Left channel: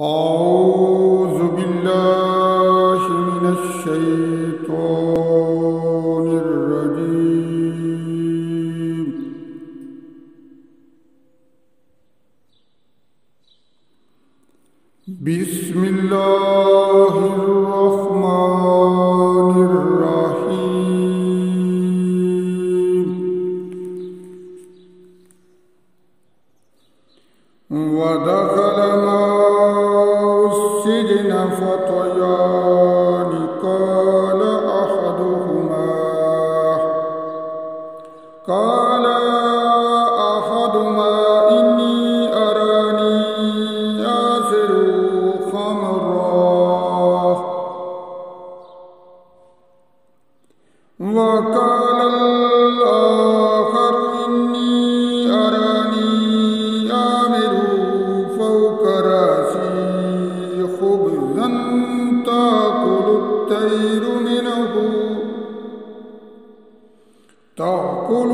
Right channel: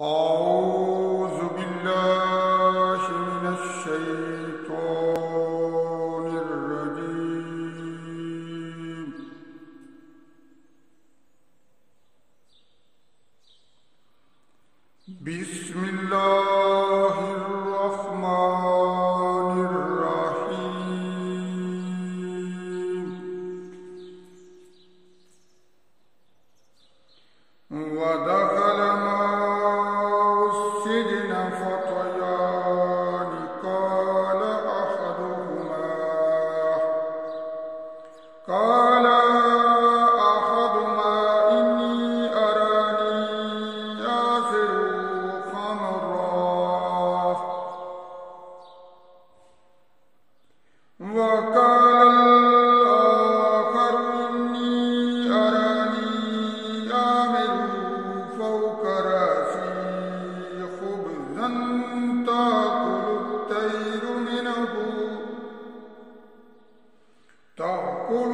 أعوذ بالله من الشيطان الرجيم. بسم الله الرحمن الرحيم. ودخل السجن فتيان قال أحدهما إني أراني آثر خمرا، وقال الآخر إني أراني آمر فوق رأسي خبزا تأكل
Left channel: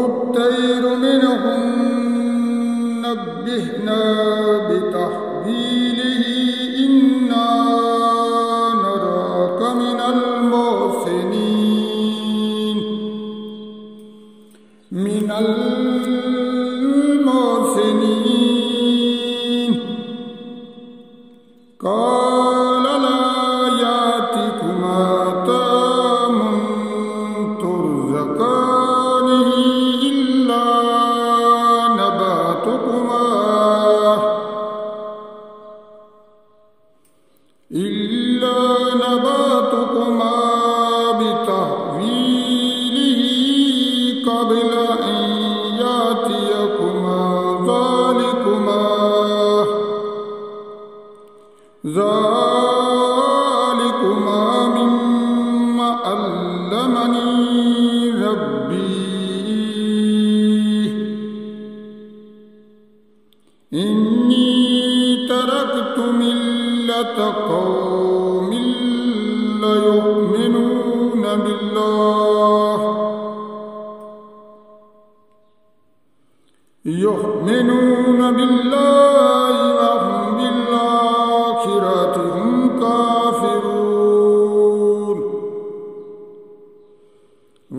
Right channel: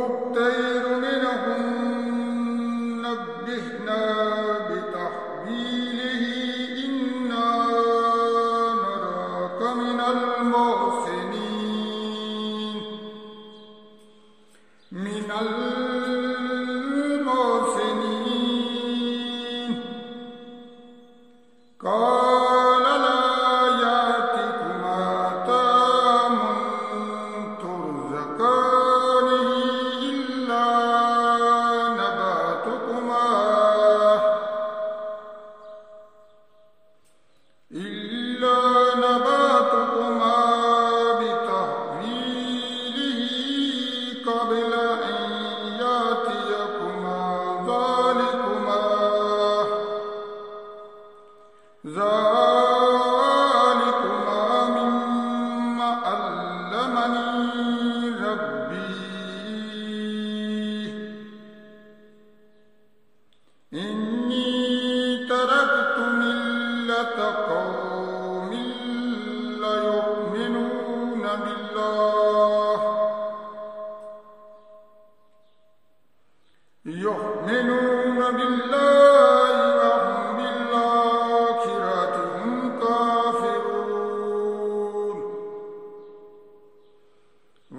الطير منه نبهنا بتحويله إنا نراك من المحسنين. قال لا يأتكما طعام ترزقانه إلا نبأتكما بتحويله قبل أن يأتيكما ذلكما مما علمني ربي، إني تركت ملة قوم لا يؤمنون بالله وهم بالآخرة هم كافرون.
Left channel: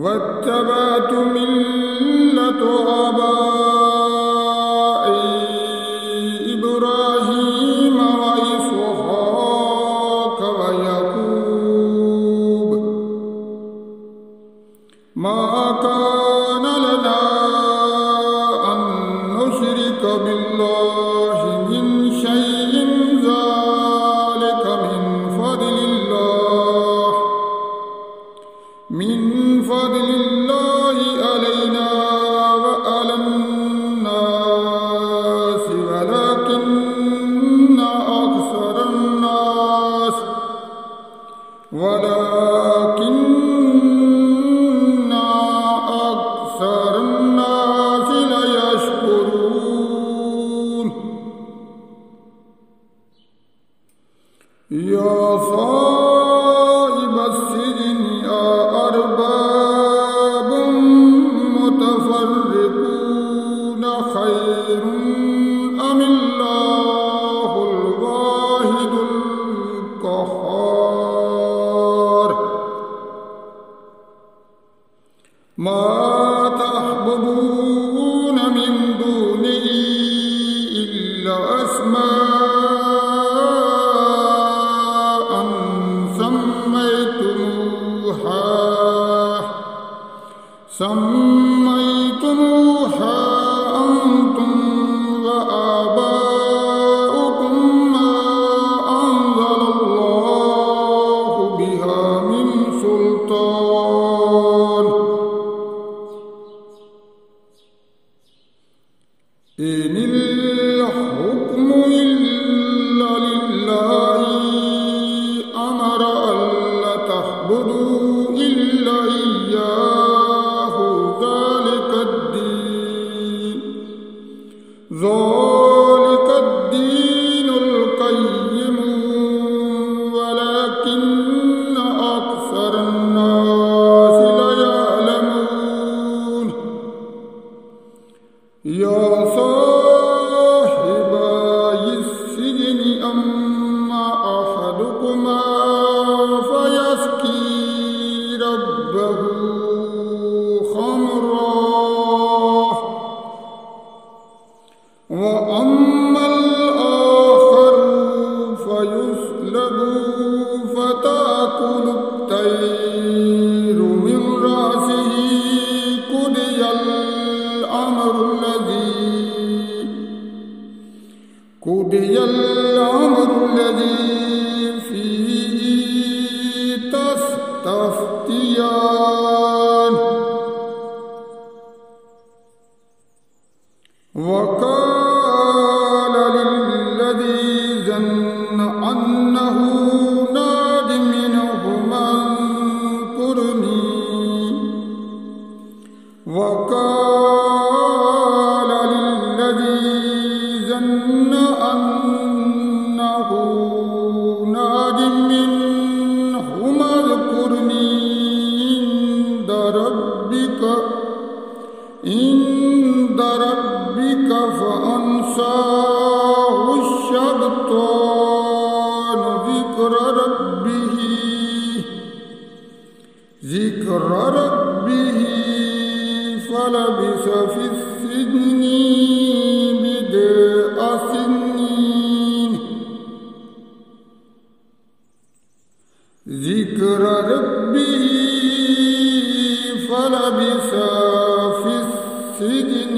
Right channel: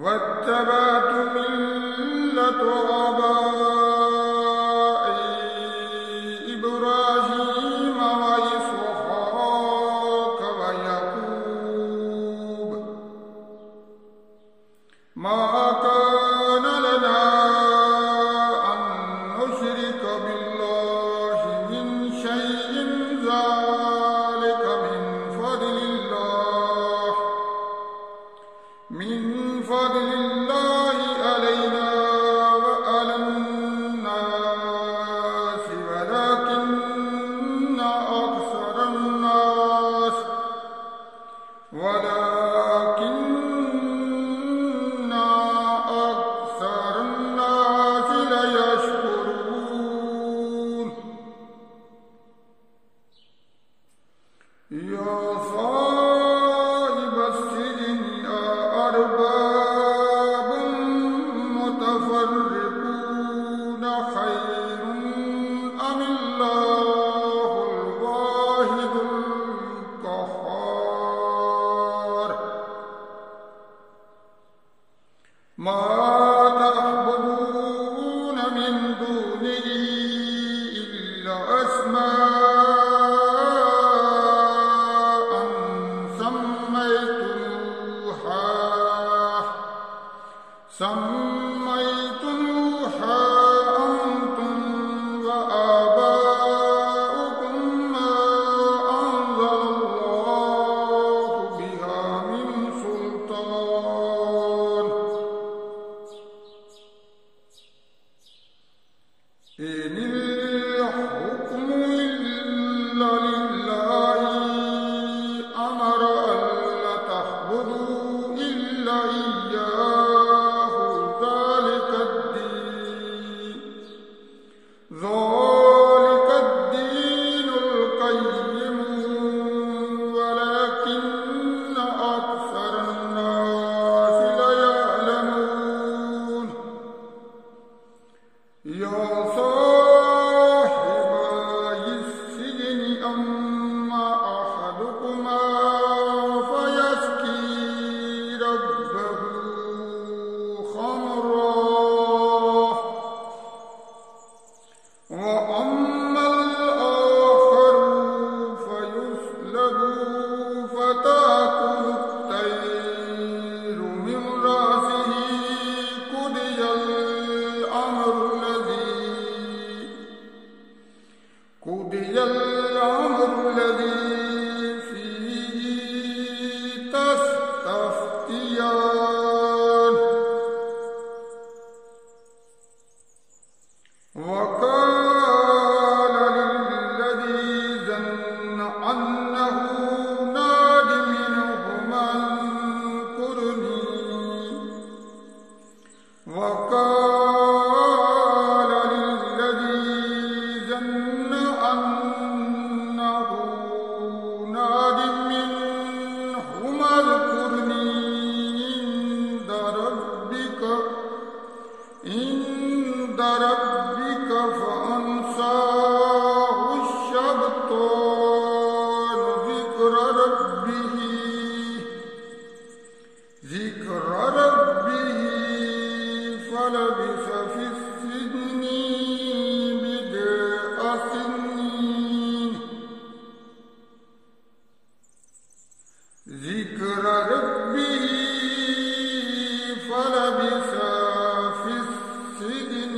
واتبعت ملة آبائي إبراهيم وإسحاق ويعقوب، ما كان لنا أن نشرك بالله من شيء، ذلك من فضل الله علينا وعلى الناس ولكن أكثر الناس لا يشكرون. يا صاحب السجن أأرباب متفرقون خير أم الله الواحد القهار؟ ما تعبدون من دونه إلا أسماء قضي الأمر الذي فيه تستفتيان وقال للذي ظن أنه ناج منهما اذكرني وقال للذي ظن أنه ناج منهما اذكرني عند ربك فأنساه الشيطان ذكر ربه فلبث في السجن بضع سنين ذكر ربه فلبث في السجن